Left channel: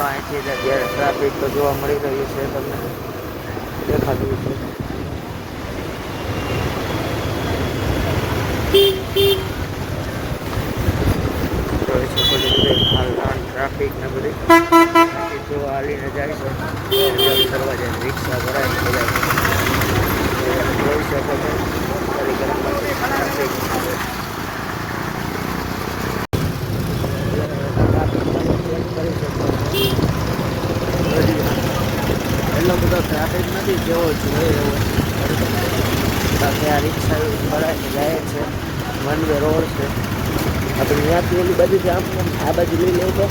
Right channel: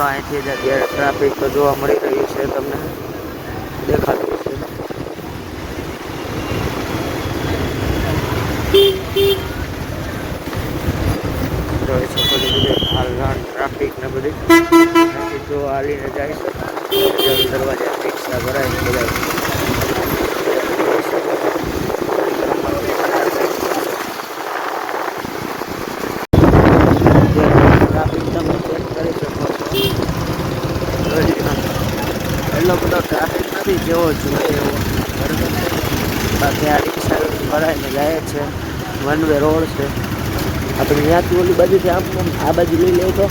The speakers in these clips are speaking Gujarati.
જો અહીંથી જ અત્યારે ટ્રાફિક તો જોવા મળી રહ્યું છે, તમને દેખાતું છે. જોઈ શકો છો બધે હાલ ટ્રાફિક ને બધું ટ્રાફિક જો હાલીને જાય છે. દરવાજા રિક્ષા ભરાય બધા જોઈ શકો છો. એટલો બધો ટ્રાફિક નથી જેવો જોઈએ એવો, બાકી આ રિક્ષા ભરાઈને જાય છે. વન વે રોડ છે. આપણે ત્યાંથી ઓલી બાજુથી આમ આ બાજુ લઈ લે તો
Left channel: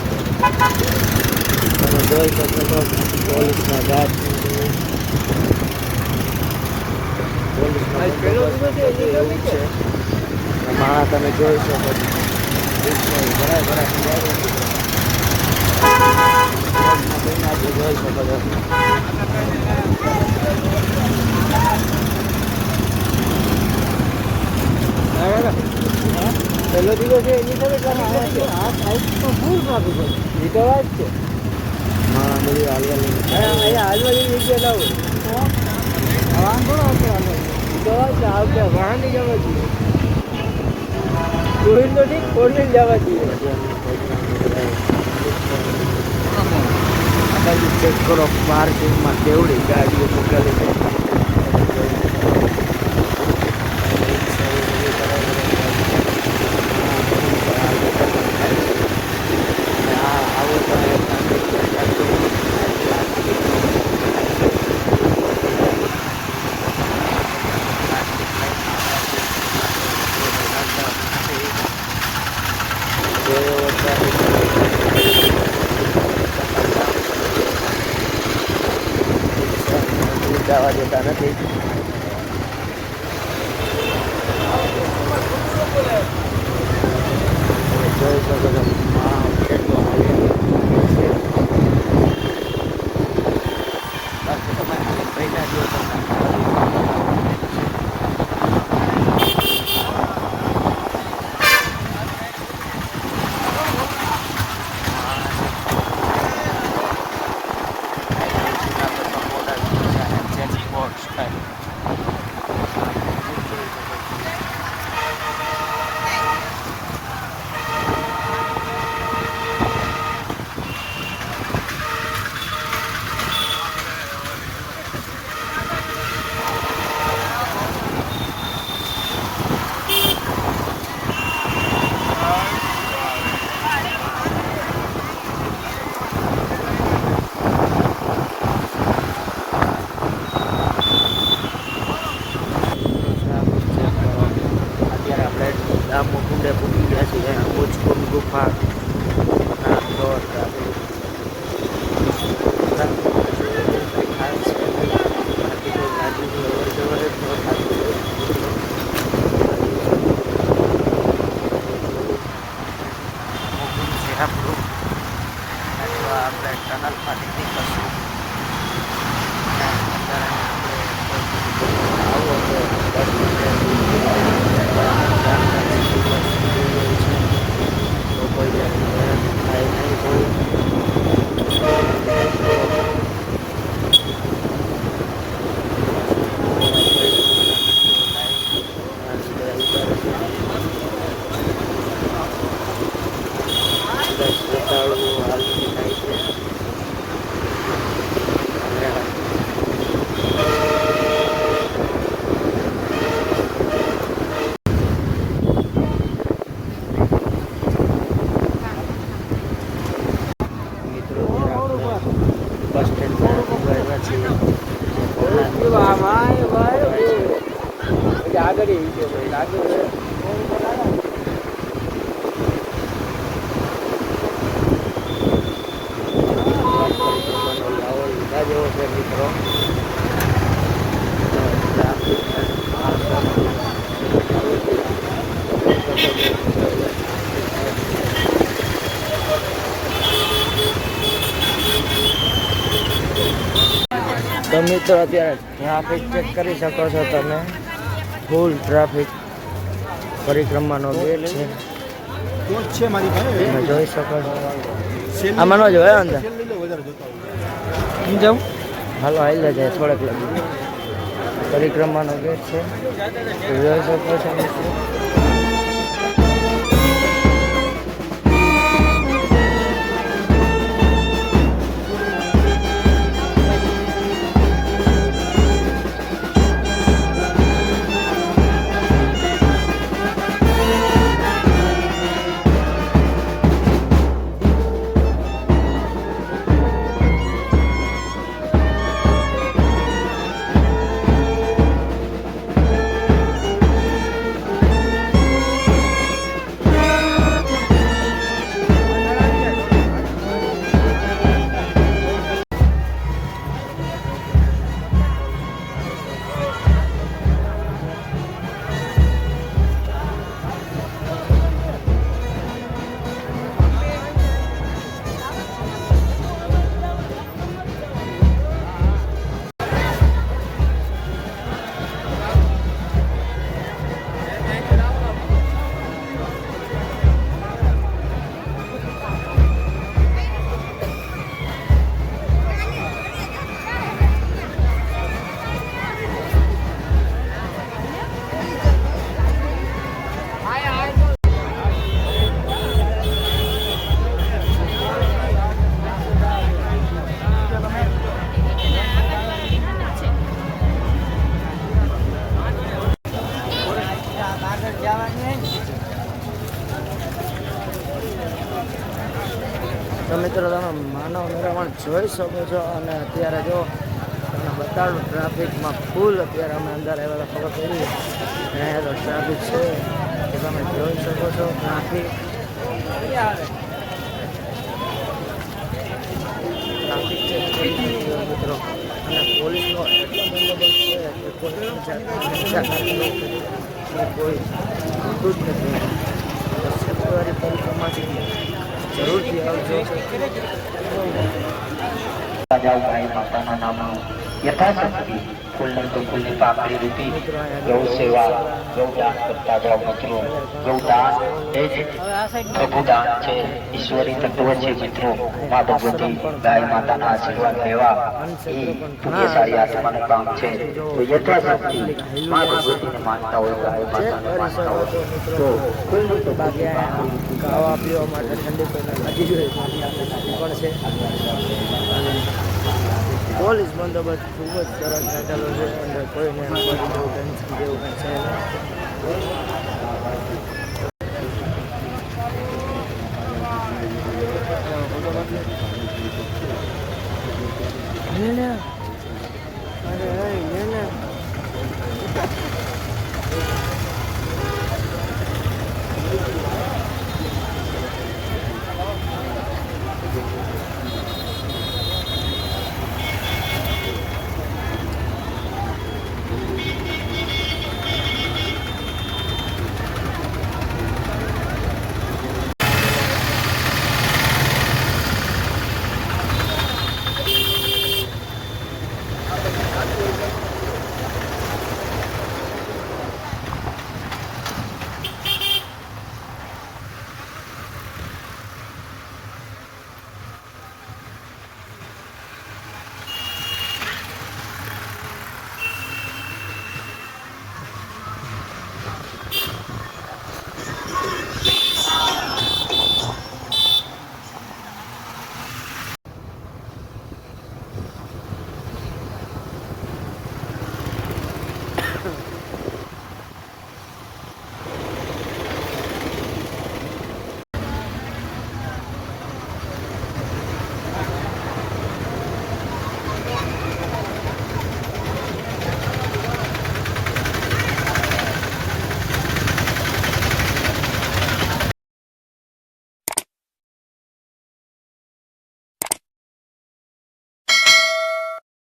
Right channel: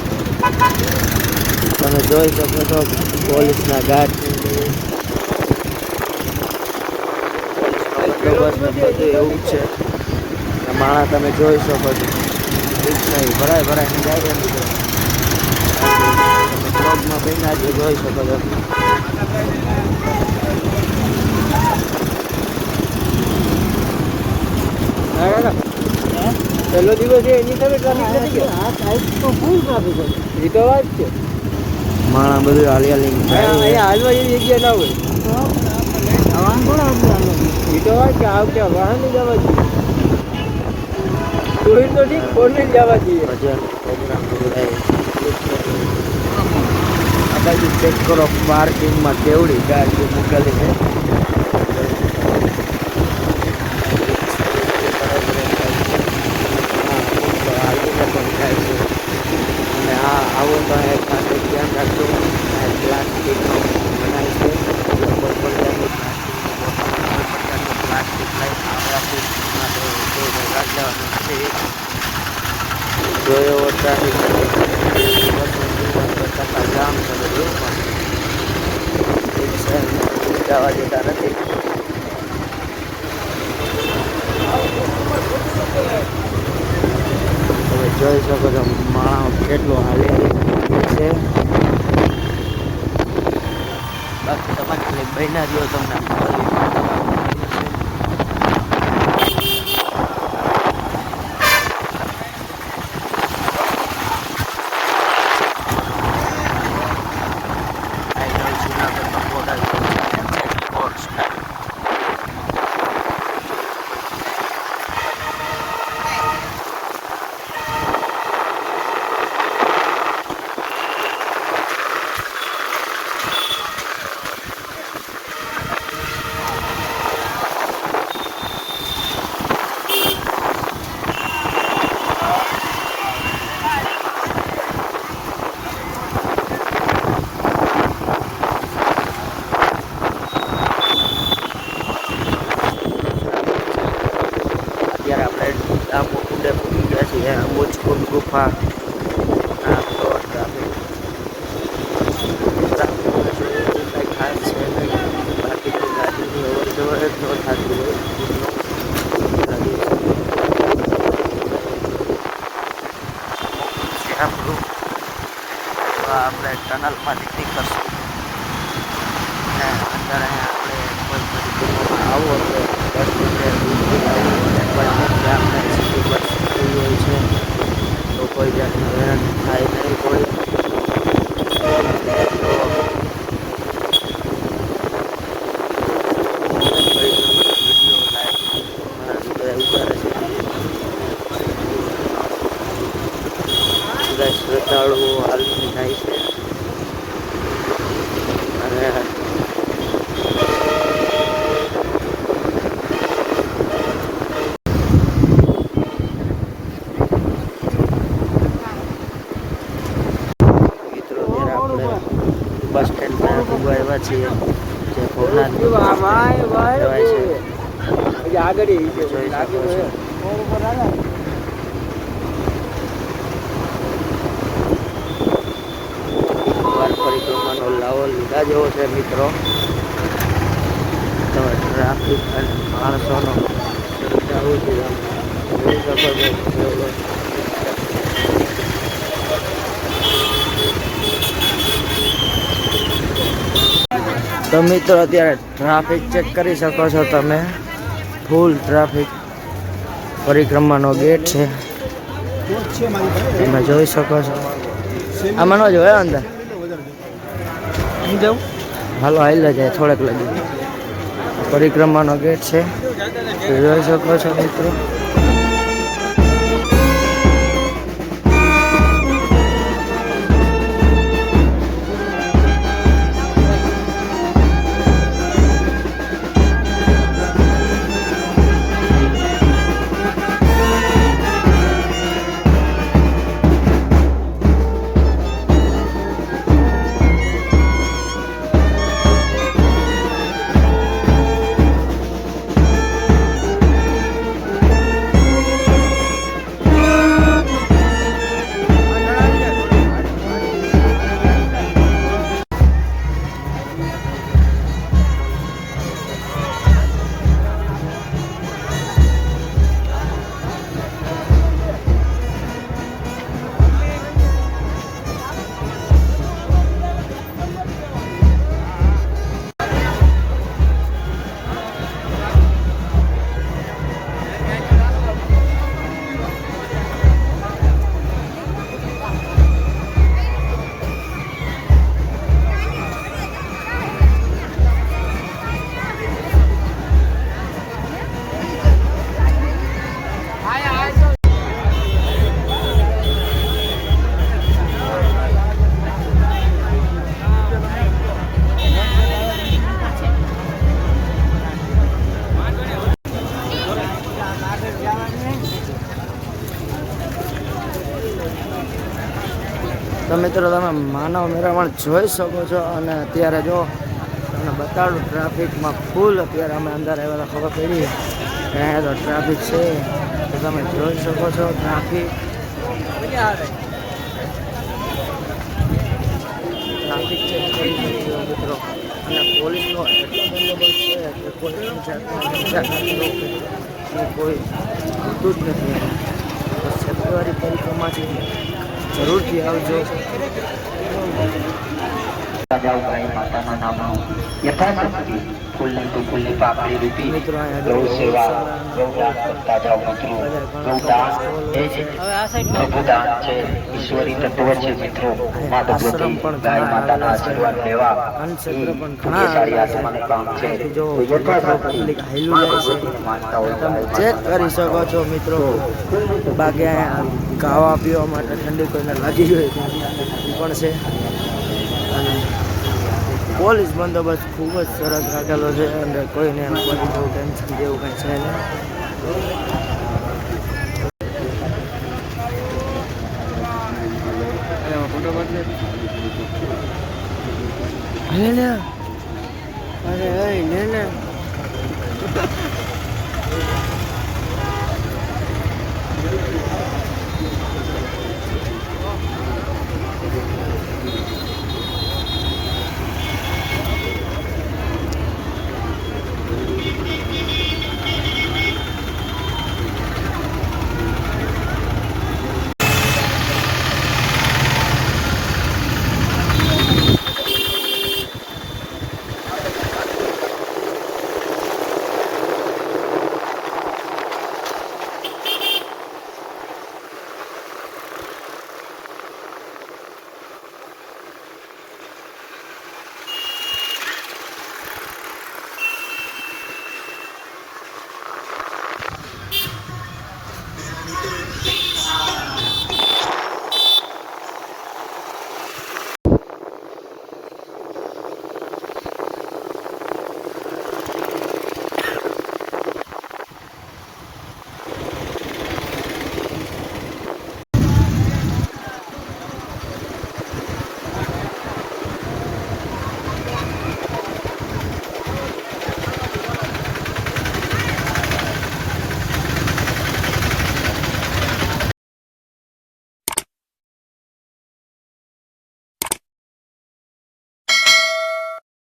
તમે જોઈ શકો છો પોલીસના ગાર્ડ એવું છે. માણસ તમે જોઈ શકો છો ભરાય જોઈ શકો છો. પહેલો દિવસ છે એની સાથે તો ફૂલ ટ્રાફિક એ તો વાત છે. માં બધું હાલી અહીંયા હાલવા જેવી જગ્યા ના હોય વાંધો ના એ તો વાત છે. આ વખતે વાહન જવા જોઈએ, ટુ વ્હીલ તો ઠીક, ફોર વ્હીલ જવા જોઈએ. આ બાજુ ચેક કરો પાર્કિંગમાં કેવડી ગાડીઓ મૂકેલી છે. જવા દેતા નથી. જોઈ શકો છો માણસ કેટલો હાલી છે. બાકી તમારે મહિના જો તમને કુંડે પૂકી ગયા છે. મુચકુંડ ગુફા આપણે ટનલ પાસેથી કરશું. આવું તો કોઈ થાય નહીં કોઈ શ્રદ્ધાળુઓ હાલમાં થાય છે. બસ સ્ટેન્ડ પર આવ્યા છીએ. આગળ લીધા જેવો છે મિત્રો. ટ્રાફિક તો મિત્રો અત્યારે ટ્રાફિક ચેક કરી શકો છો તમે. Full traffic. પરિક્રમાનો ગેટ છે તમે જોઈ શકો છો. આમાં ન જોયો અંદર હાલો હાલ્યા જાય થોડાક લગી પરિક્રમાનો ગેટ છે જોઈ શકો છો મિત્રો. તો મિત્રો તમે માનવ મેળાવણ જોઈ શકો છો અને અત્યારે જો તમને બતાડું ટ્રાફિકમાં ફૂલ અત્યારે અમે અંદર આવેલા ખબર પડી ત્યાં તો ટ્રાફિક છે તો તમે જોઈ શકો છો ટ્રાફિક ચેક કરી શકશો મિત્રો અને પોલીસનો એટલો બંદોબસ્ત છે કે કોઈ પણ જાતના કોઈ આવતું જ નથી. ફેબ્રુઆરી પરિક્રમાથી જરૂરથી આવજો. યથાશક્તિ ફૂલને તો ફૂલની પાકડી રૂપી ગૌ સેવા ગૌદાન કરતા જાઓ મિત્રો. ગૌદાન એ જ પ્રભુદાન છે, ઈશ્વરી તત્વ છે મિત્રો. માતા ભગવતી ગાય માતાના આશીર્વાદ લેવા અન્નક્ષેત્ર પણ ઘણા કામ છે. તો યથાશક્તિ મા ભગવતીને માનતા હોય ચેક કરી શકો છો મિત્રો. બાકી ખાવા પીવા માટે ઠંડી કોઈને લાગી જોઈએ એ પણ છે અને પોલીસ બંદોબસ્ત ખૂબ જ સરસ રાખેલો છે અને કોઈને આપણને બહુ ટેન્શન જેવું કંઈ છે નહીં.